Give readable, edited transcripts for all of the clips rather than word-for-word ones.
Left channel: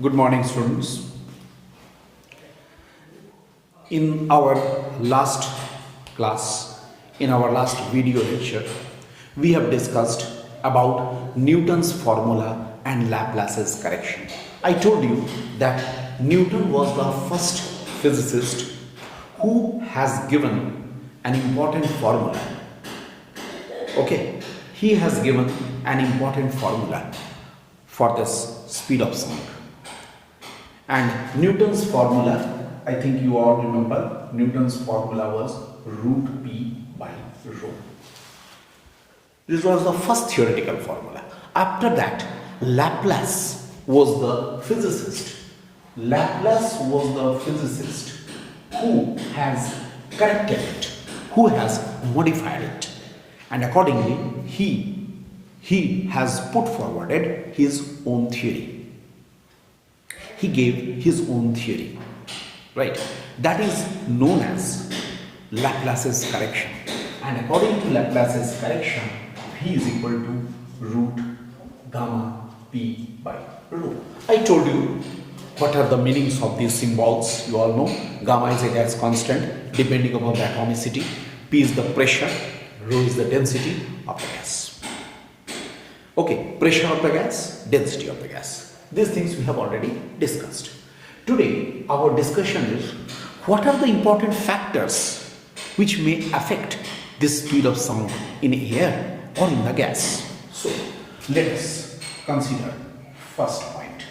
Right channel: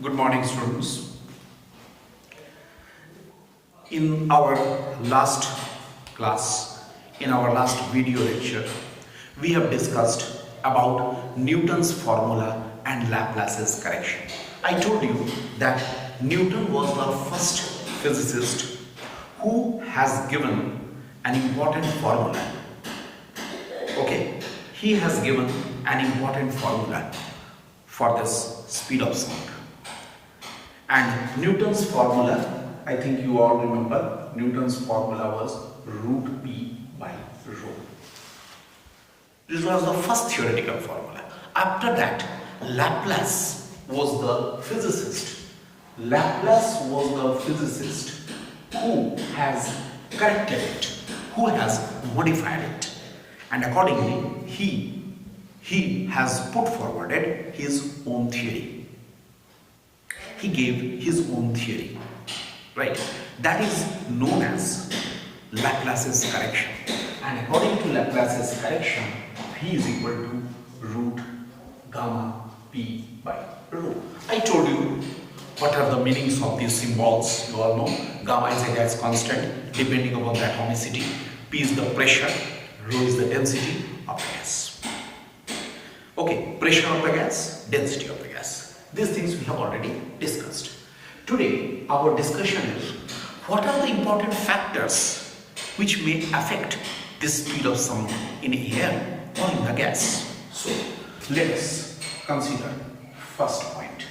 Good morning, students. In our last class, in our last video lecture, we have discussed about Newton's formula and Laplace's correction. I told you that Newton was the first physicist who has given an important formula. Okay, he has given an important formula for this speed of sound. And Newton's formula, I think you all remember, Newton's formula was root P by rho. This was the first theoretical formula. After that, Laplace was the physicist. Laplace was the physicist who has corrected it, who has modified it. And accordingly, he has put forwarded his own theory. He gave his own theory, right? That is known as Laplace's correction. And according to Laplace's correction, P is equal to root gamma P by rho. I told you what are the meanings of these symbols. You all know gamma is a gas constant depending upon the atomicity. P is the pressure, rho is the density of the gas. Okay, pressure of the gas, density of the gas. These things we have already discussed. Today, our discussion is what are the important factors which may affect the speed of sound in air or in the gas. So, let us consider first point.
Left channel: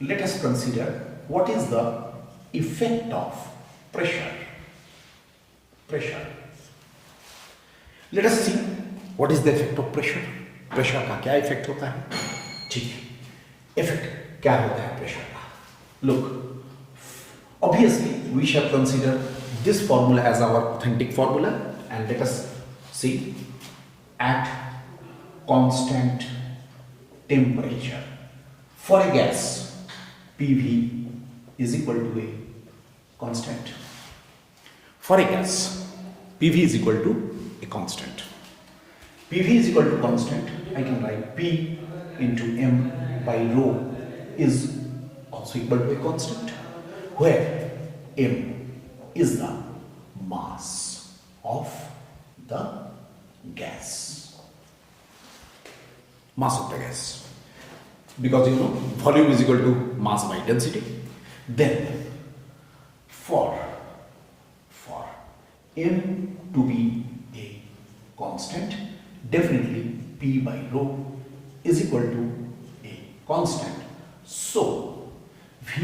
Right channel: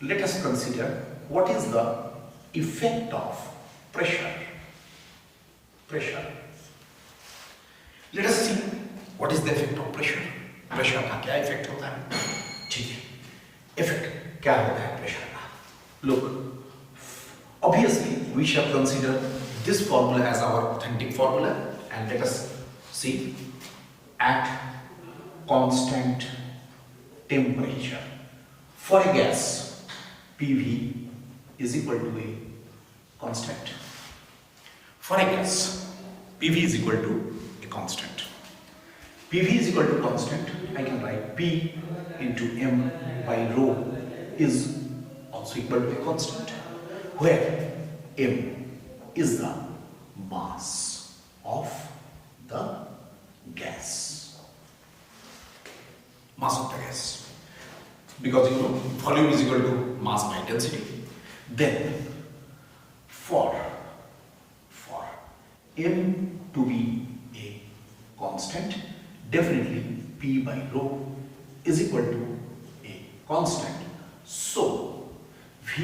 Let us consider what is the effect of pressure. Pressure. Let us see what is the effect of pressure. Pressure का क्या effect होता है? ठीक है, effect क्या होता है pressure का? Look, obviously we shall consider this formula as our authentic formula and let us see at constant temperature for a gas PV is equal to a constant. For a gas PV is equal to a constant. PV is equal to constant. I can write P into M by rho is also equal to a constant, where M is the mass of the gas. Mass of the gas. Because you know volume is equal to mass by density. Then for M to be a constant, definitely P by rho is equal to a constant. So V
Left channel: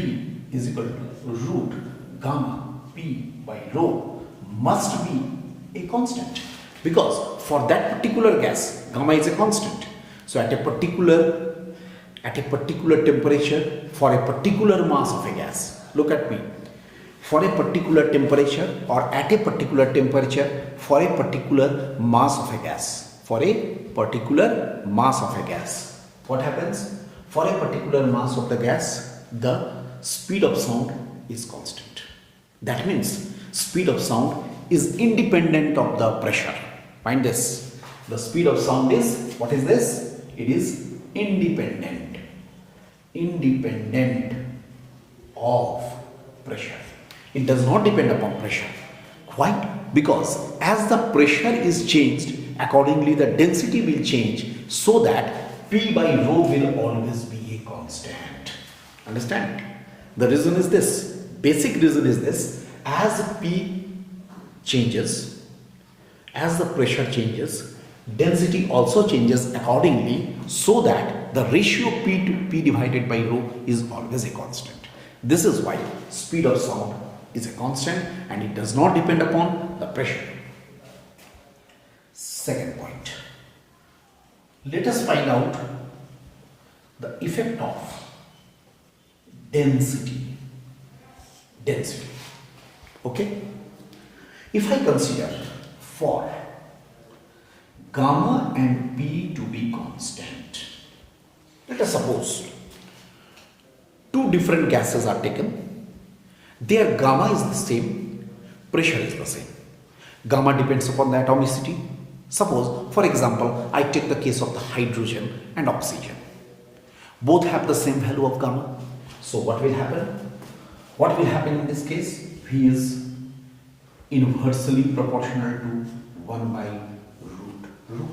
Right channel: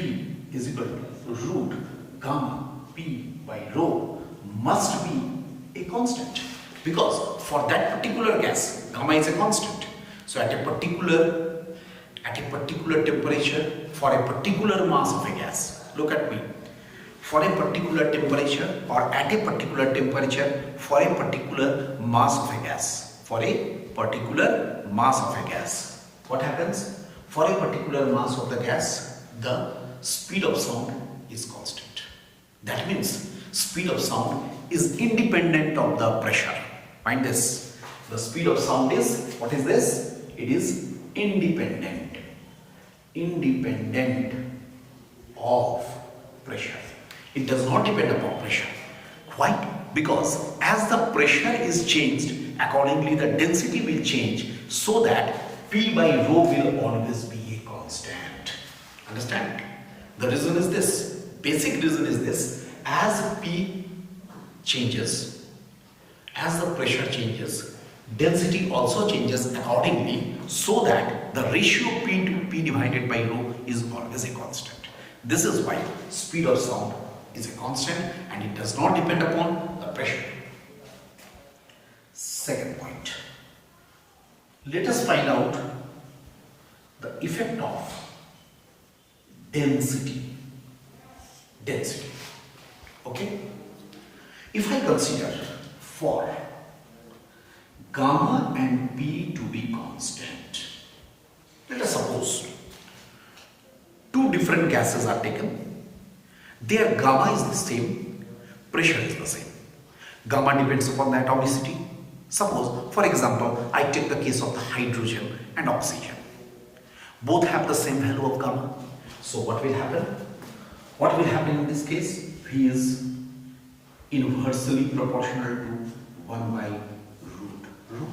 is equal to root gamma P by rho must be a constant, because for that particular gas gamma is a constant. So at a particular temperature for a particular mass of a gas, look at me, for a particular temperature or at a particular temperature for a particular mass of a gas. For a particular mass of a gas, what happens? For a particular mass of the gas, the speed of sound is constant. That means speed of sound is independent of the pressure. Find this. The speed of sound is, what is this? It is independent of pressure. It does not depend upon pressure. Why? Because as the pressure is changed, accordingly the density will change, so that P by rho will always be a constant. Understand? The reason is this. Basic reason is this. As P changes, as the pressure changes, density also changes accordingly, so that the ratio P to P divided by rho is always a constant. This is why speed of sound is a constant and it does not depend upon the pressure. Second point. Let us find out the effect of density. Density. Okay? If I consider for gamma and P to be constant, let us suppose two different gases are taken. Their gamma is the same, pressure is the same. Gamma depends upon the atomicity. Suppose, for example, I take the case of the hydrogen and oxygen. Both have the same value of gamma. So what will happen? What will happen in this case? V is inversely proportional to 1 by root rho,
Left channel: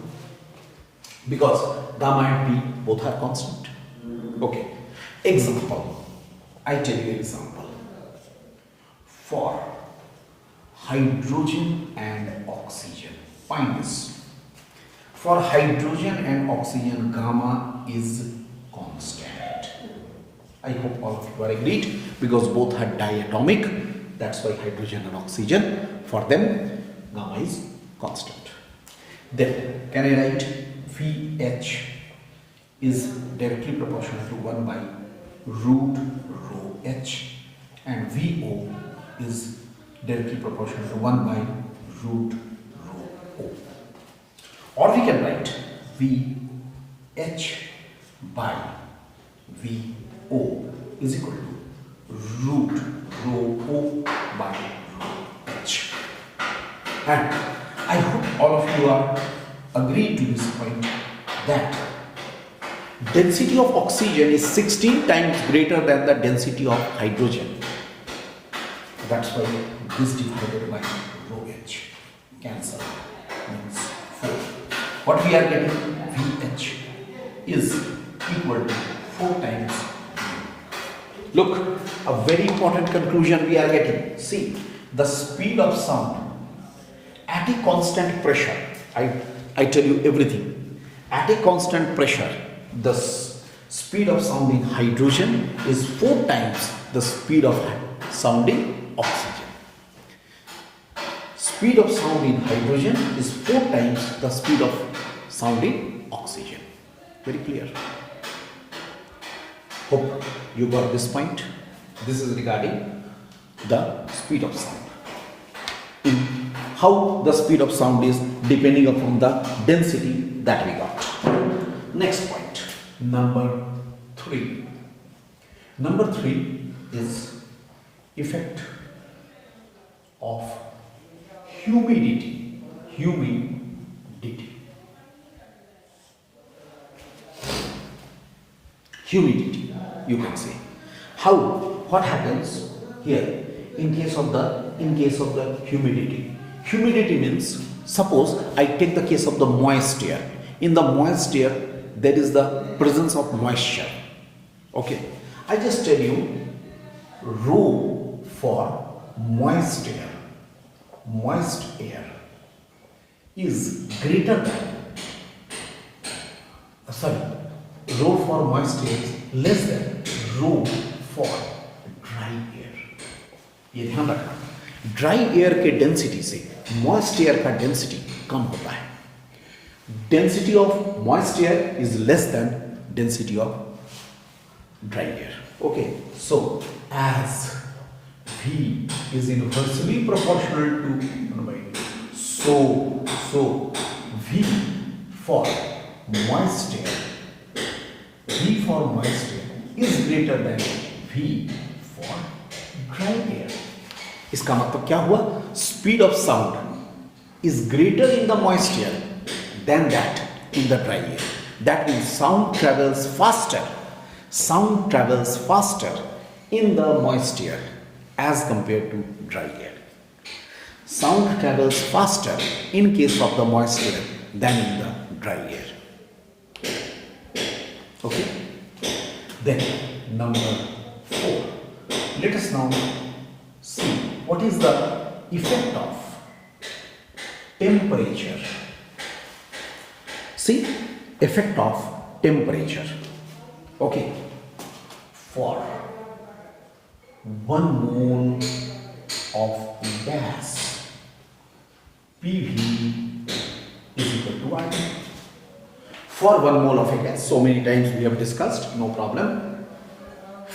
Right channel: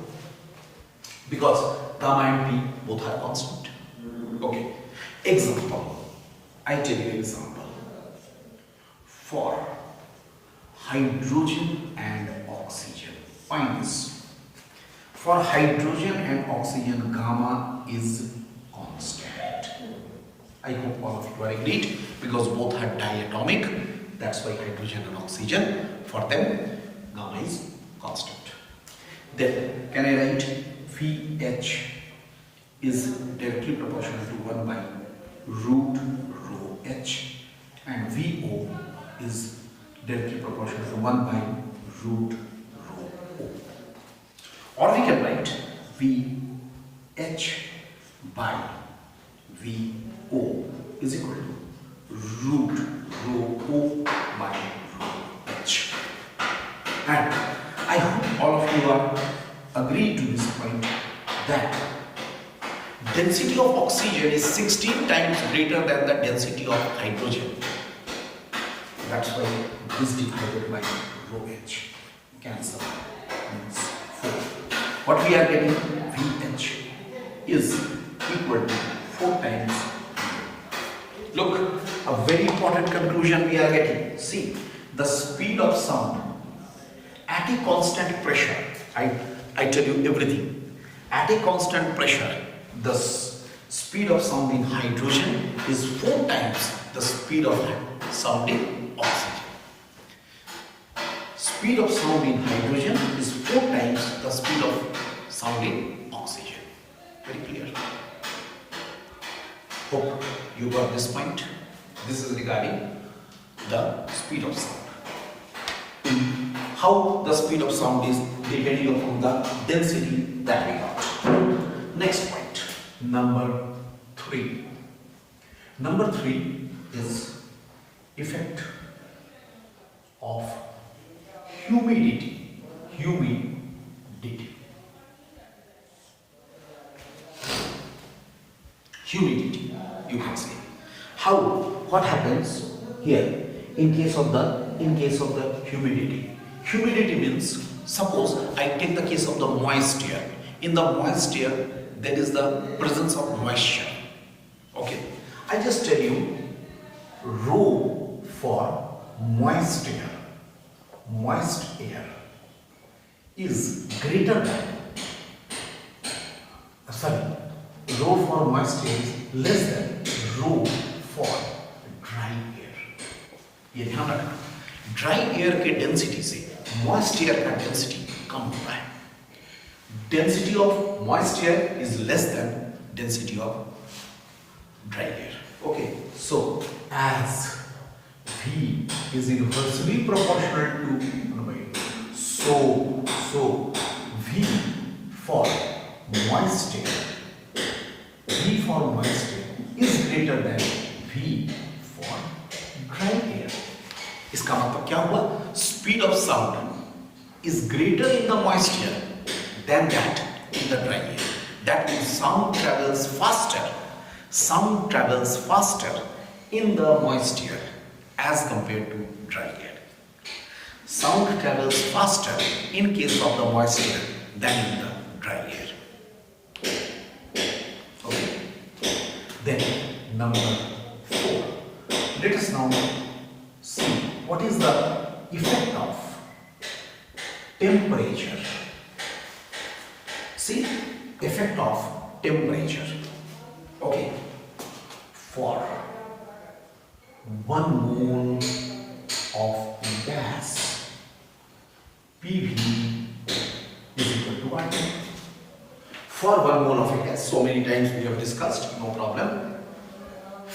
because gamma and P both are constant. Okay. Example. I take the example. For hydrogen and oxygen. Find this. For hydrogen and oxygen, gamma is constant. I hope all of you are agreed, because both are diatomic. That's why hydrogen and oxygen, for them, gamma is constant. Then, can I write VH is directly proportional to 1 by root rho H, and VO is directly proportional to 1 by root rho O. Or we can write VH by VO is equal to root rho O by rho H. And I hope all of you are agreed to this point that density of oxygen is 16 times greater than the density of hydrogen. That's why this divided by rho H cancel means 4. What we are getting, VH is equal to 4 times. Look, a very important conclusion we are getting. See, the speed of sound at a constant pressure, I tell you everything. At a constant pressure, the speed of sound in hydrogen is 4 times the speed of sound in oxygen. Speed of sound in hydrogen is 4 times the speed of sound in oxygen. Very clear. Hope you got this point. This is regarding the speed of sound. In how the speed of sound is depending upon the density that we got. Next point, number 3. Number 3 is effect of humidity. Humidity, you can say. How? What happens here in case of the humidity? Humidity means, suppose I take the case of the moist air. In the moist air, there is the presence of moisture. Okay, I just tell you rho for moist air. Moist air is greater than, rho for moist air is less than rho for dry air. ये ध्यान रखना, dry air के density से moist air का density कम होता है. Density of moist air is less than density of dry air. Okay, so as V is inversely proportional to 1 by V, so V for moist air, is greater than V for dry air. इसका मतलब क्या हुआ? Speed of sound is greater in the moist air than that in the dry air. That means sound travels faster. Sound travels faster in the moist air as compared to dry air. Sound travels faster in case of the moist air than in the dry air. Okay. Then number 4. Let us now see what is the effect of temperature. See, effect of temperature. Okay, for 1 mole of gas, PV is equal to what? For 1 mole of a gas, so many times we have discussed, no problem.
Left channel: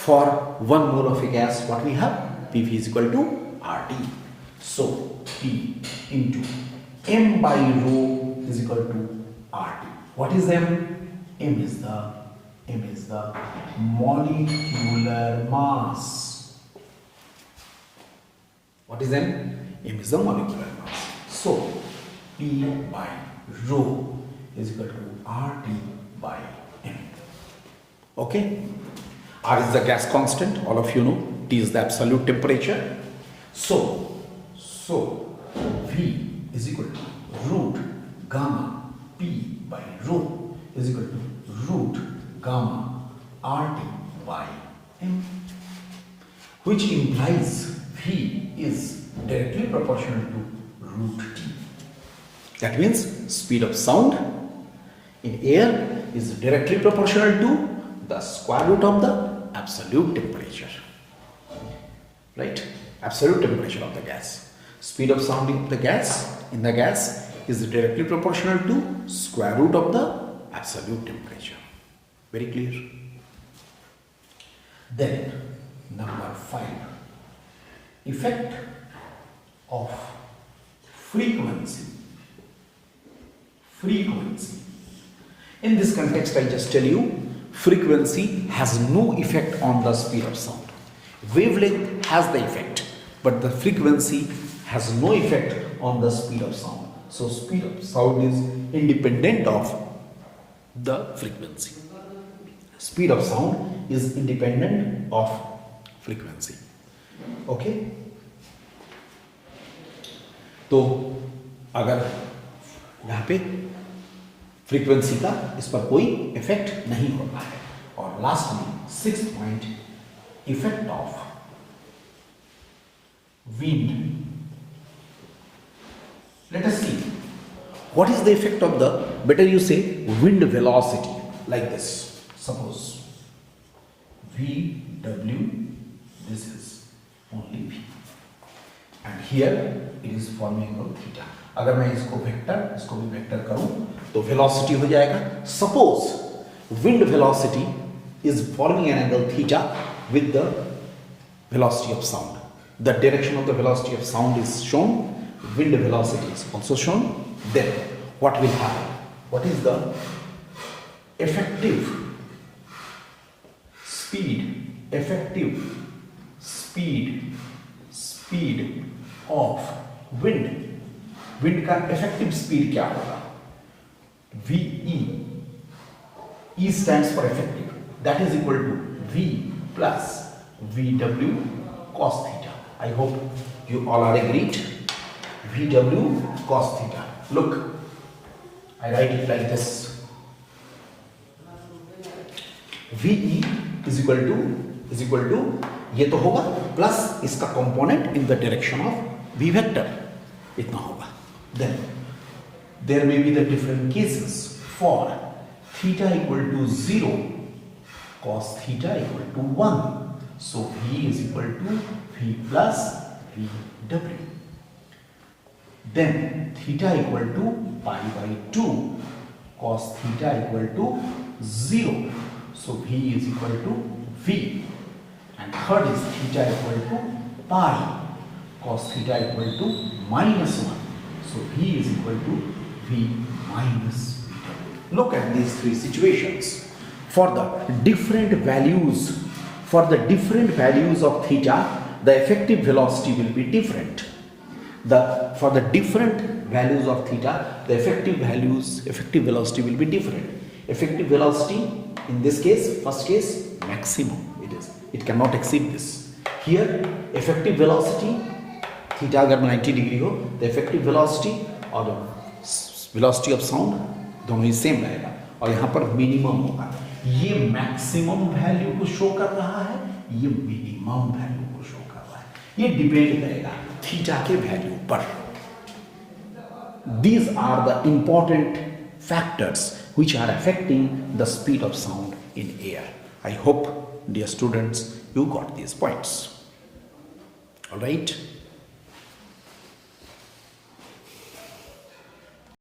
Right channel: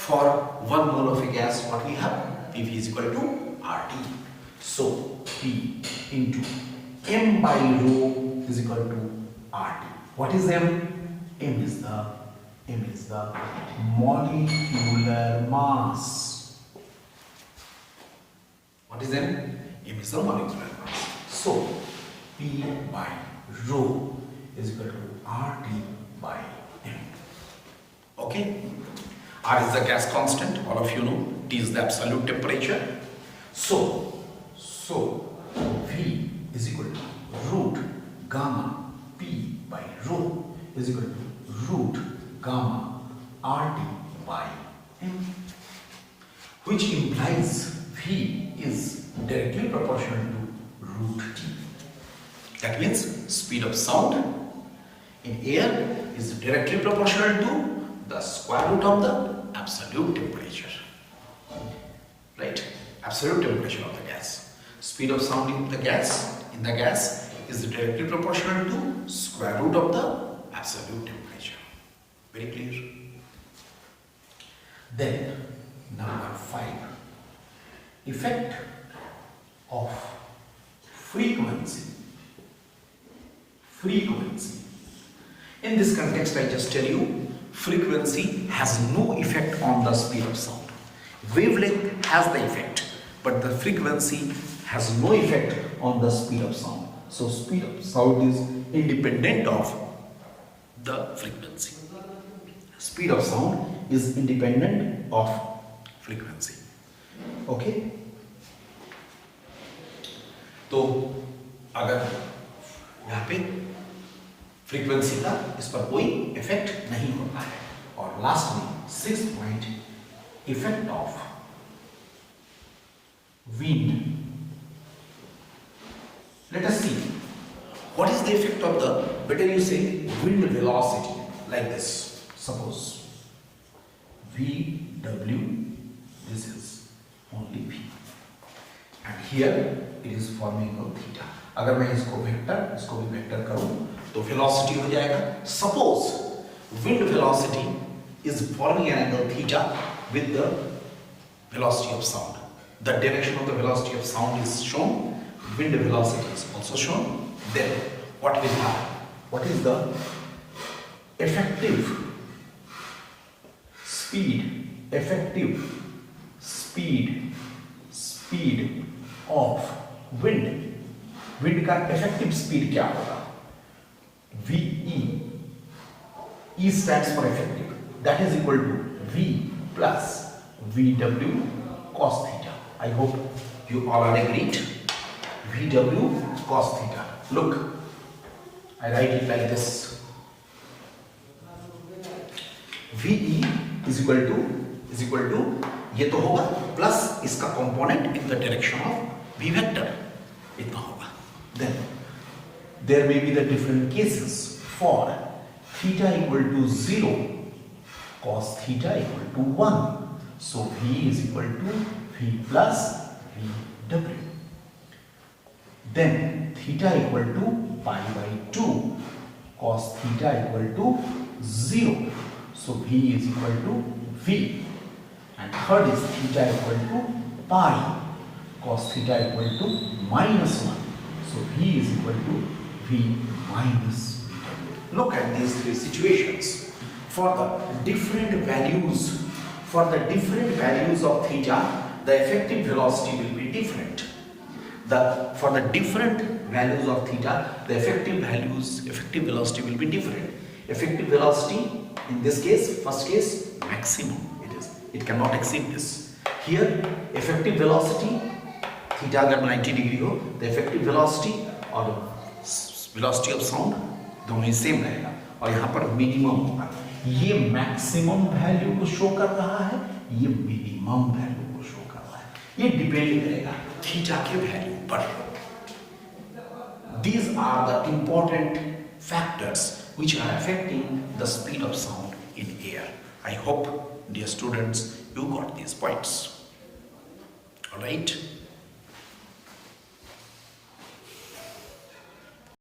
For 1 mole of a gas, what we have? PV is equal to RT. So P into M by rho is equal to RT. What is M? M is the molecular mass. What is M? M is the molecular mass. So P by rho is equal to RT by M. Okay. R is the gas constant, all of you know. T is the absolute temperature. So V is equal to root gamma P by rho is equal to root gamma RT by M, which implies V is directly proportional to root T. That means speed of sound in air is directly proportional to the square root of the absolute temperature. Right? Absolute temperature of the gas. Speed of sound in the gas is directly proportional to square root of the absolute temperature. Very clear? Then number 5. Effect of frequency. In this context, I just tell you, frequency has no effect on the speed of sound. Wavelength has the effect, but the frequency has no effect on the speed of sound. So speed of sound is independent of the frequency. Speed of sound is independent of frequency. Okay? तो अगर यहाँ पे frequency का इस पर कोई effect नहीं होता है. और लास्ट में 6 point, effect of wind. Let us see what is the effect of the, better you say, wind velocity, like this. Suppose VW, this is only V, and here it is forming angle theta. अगर मैं इसको भी vector करूं तो velocity हो जाएगा. Suppose wind velocity is forming an angle theta with the velocity of sound. The direction of the velocity of sound is shown, wind velocity is also shown. Then what will happen? What is the effective speed of wind? Wind का effective speed क्या होगा? VE, E stands for effective, that is equal to V plus VW cos theta. I hope you all are agreed. VW cos theta. Look, I write it like this. VE is equal to ये तो होगा plus इसका component in the direction of V vector, इतना होगा. Then there may be the different cases for theta equal to 0, cos theta equal to 1. So V is equal to V plus VW. Then theta equal to pi by 2, cos theta equal to 0. So V is equal to V. And third is theta equal to pi, cos theta equal to minus 1. So V is equal to V minus VW. Look at these three situations. For the different values of theta, the effective velocity will be different. For the different values of theta, the effective velocity will be different. Effective velocity in this case, first case, maximum it cannot exceed this. Here effective velocity theta अगर 90 degree हो, the effective velocity और velocity of sound दोनों ही same रहेगा, और यहाँ पर minimum होगा. ये मैक्सिमम वैल्यू को शो कर रहा है, ये मिनिमम वैल्यू को शो कर रहा है. ये डिपेंड करेगा थीटा के वैल्यू पर. These are the important factors which are affecting the speed of sound in air. I hope, dear students, you got these points. All right.